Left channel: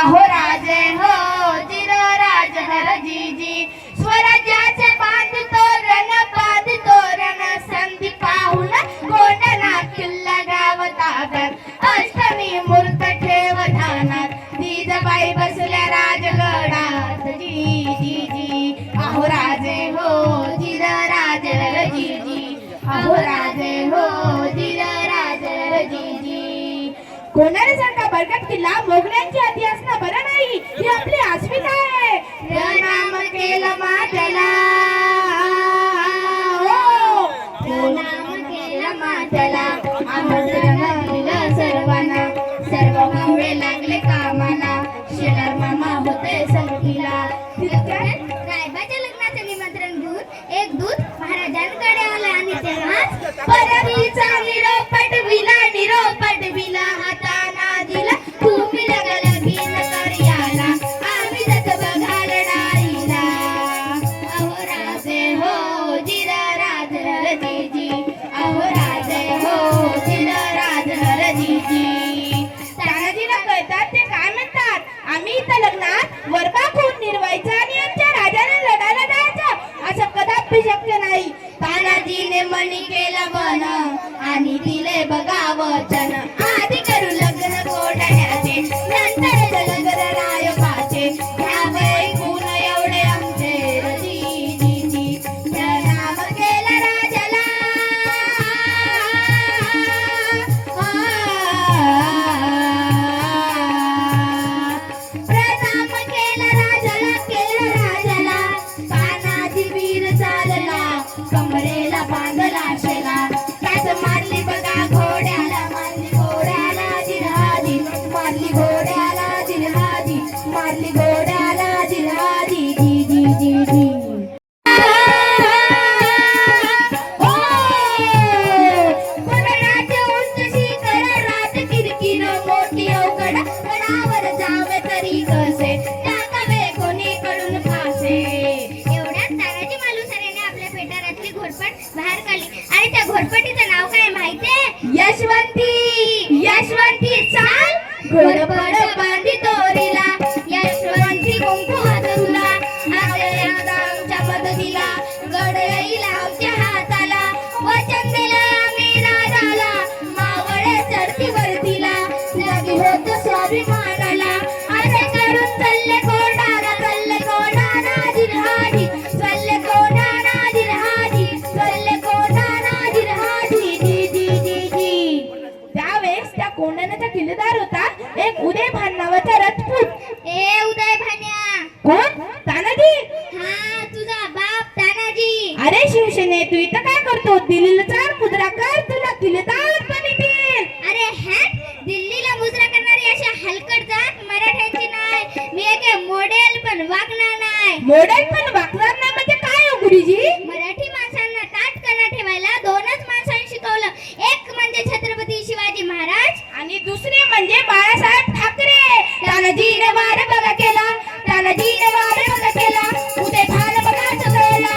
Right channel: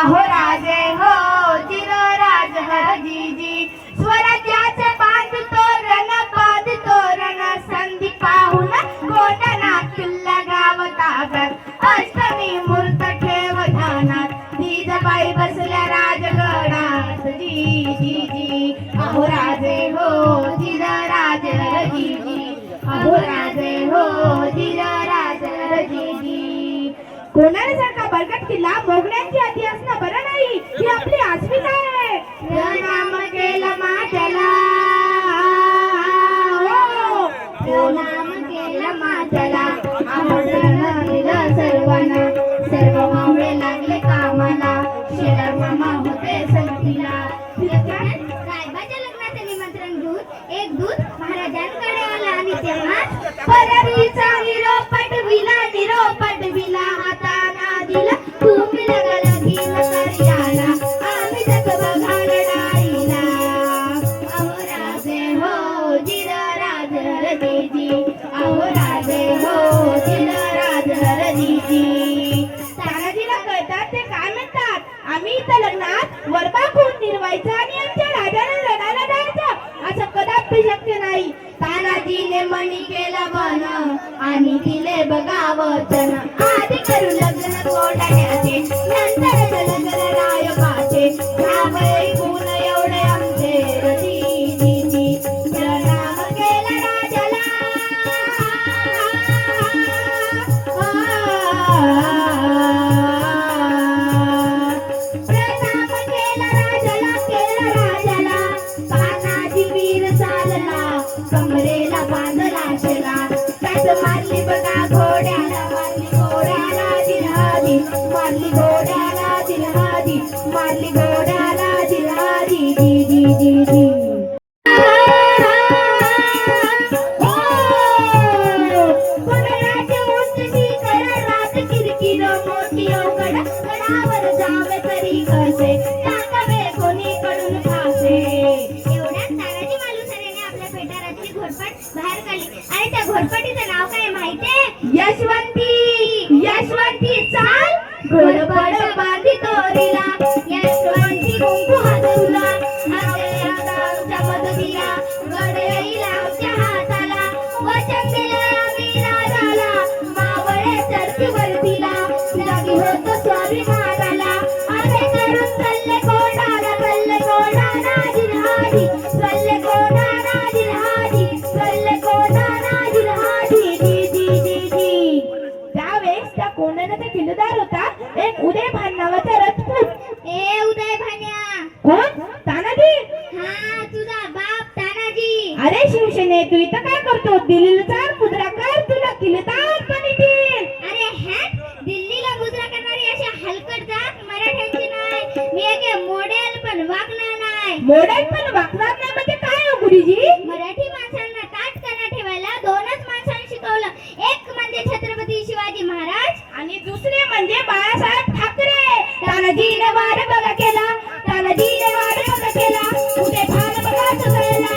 अहो राजे हो चिर राज हर जी स्वराज्याचे बांध तोरण संधी पाहून कोटना किल्ला गाव ताब्यात अष्टमी मूर्त ठेव ध्यानात जिजाबाई बसल्या राजगडात जी अहो राजे हो चिर राज हर जी अहो राजे हो चिर राज हर जी कोणासारखा बळकट किल्ला मोगलांची आधी असणं बरं नाही ही आपली अस्मिता आहे. नाम केलं माझ्याला नाम केलं माझ्याला आमंत्रण दिलं सर्वांना सर्व मावळे लागले कामाला शेलार मामा होते संगतीला रायबाच्या लग्नाचे निमंत्रण घेऊन एक दूत महाराजांकडे आला आणि तेव्हाच परवीचा निरोप पटविला हाताना दिला तुम्ही लगला भीम करियाला आम्ही जात बघाल डाळीला अहो राजे हो जिर राज हर जी अहो राजे हो जिर राज हर जी तानाजीला कळतात ते काय म्हणतात आम्ही इथं लग्नात वरबा खून निर्वायचा आणि आमच्या राजाला लढायला जायचं असं कदापि शक्य नाही. तानाजीने मनी केलं मन आणि दिले बघा वचन आधी करू लग्न कोटाण्याचे नंतर लग्न रायबाचे ह्यामुळे खून एवढे आमचे रजी नाम केलं राजाला प्रणाम केलं राजाला तानाजी वीर चालला कमरेला बांधला शेला त्यात मारली बघा घोड्याला जिल्हादी मारली घोड्याला जिल्हादी मारली घोड्याला जिल्हादी जी कोणाचे उंच शिखर रात किरकिर मोठी अवघड गडावर जावे तरी कसे टाकावे कोणीकडून फासे. एवढ्यात तानाजी मालुसरेने आपल्या पेटारातली घोरपट बाहेर काढली आणि त्या घोरपटीचं नाव काय माहितीये? यशवंती चाल घोरपड बांधी तोरीला यशवंती कुंकू हातरुला आमच्या मदतीला गड येईल आमच्या हाताला वचन दिले आम्ही राजाला मावळे चढती वरतीला जागी होत स्वाभिमानाला असे करून चालले कोणाला जिल्हादी चालले कोणाला जिल्हादी जी त्यावेळेस त्या कोंढाण्याचा किल्लेदार होता एक उदयभान नावाचा रजपूत. ए उदय भान्या कोण? तानाजी. हा तुझा बाप तानाजी. अरे शिवसेने तू इथं काय करतो? दिल्लीला चाल मुद्रा कर तुला किल्लेदार पण येतील. अरे हॅट दिल्लीला मुजरा करणारी अशा हलकट जात मराठ्यांची नाही. मी एक मॉडेल पण वागणार नाही. मॉडेल पण वागणार नाही म्हणजे काय हो गुरुजी? मराठी माणसांना ताटकाना ठेवायला दोनच माणसांनी शिकवलं. एक म्हणजे छत्रपती शिवाजी महाराज आणि दुसरे म्हणजे बाळासाहेब ठाकरे. तानाजीने वार बघा केला उदय भान बघाच वेळेला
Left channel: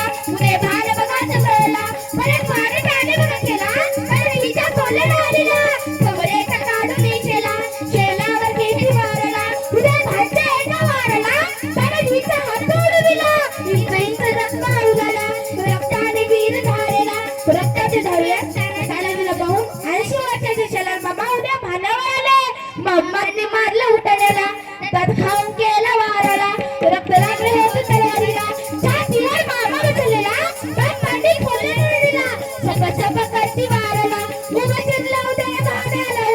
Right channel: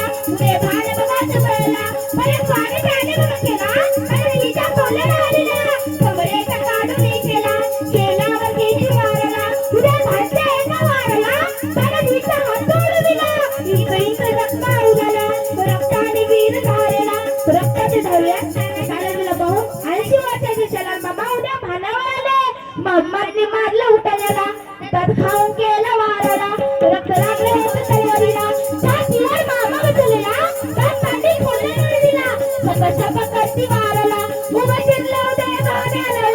परत वार त्याने बघा केला आणि तिच्या कोल्याला आलेला कमरेचा काढून केला शेलावर किती मारला उदय भानच्या एका मारला तानाजीचा हात तोडविला इंच रक्त उडाला रक्ताने वीर धारेला रक्ताच्या धाऱ्यात तानाजीला पाहून 80 वर्षाचे शेलार मामा उद्या भानावर आले. मम्माने मारलं उठाण्याला तर खाऊन केला वाराला रक्त लागले होते तयारीला छातीवर मामा बसलेला तर पाठी खोलण्याने दिला सपा करती वाराला उभं चिरलं उदय भानाला